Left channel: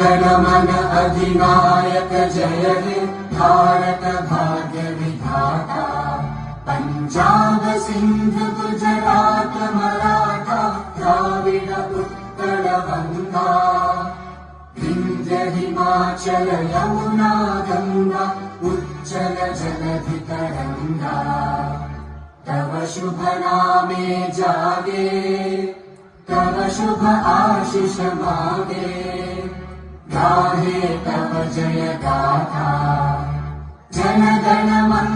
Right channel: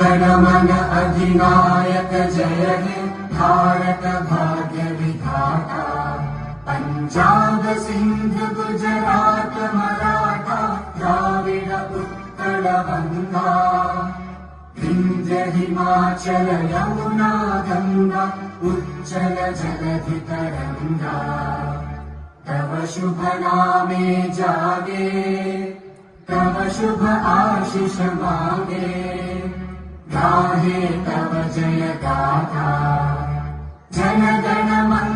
जनमन अधिनायक जय हे भारत भाग्य विधाता। पंजाब सिंध गुजरात मराठा द्राविड उत्कल बंगा। विंध्य हिमाचल यमुना गंगा उज्जल जलधि तरंगा। तव शुभ नामे जागे तव शुभ आशीष मागे। गाहे तव जय गाथा जन गण मन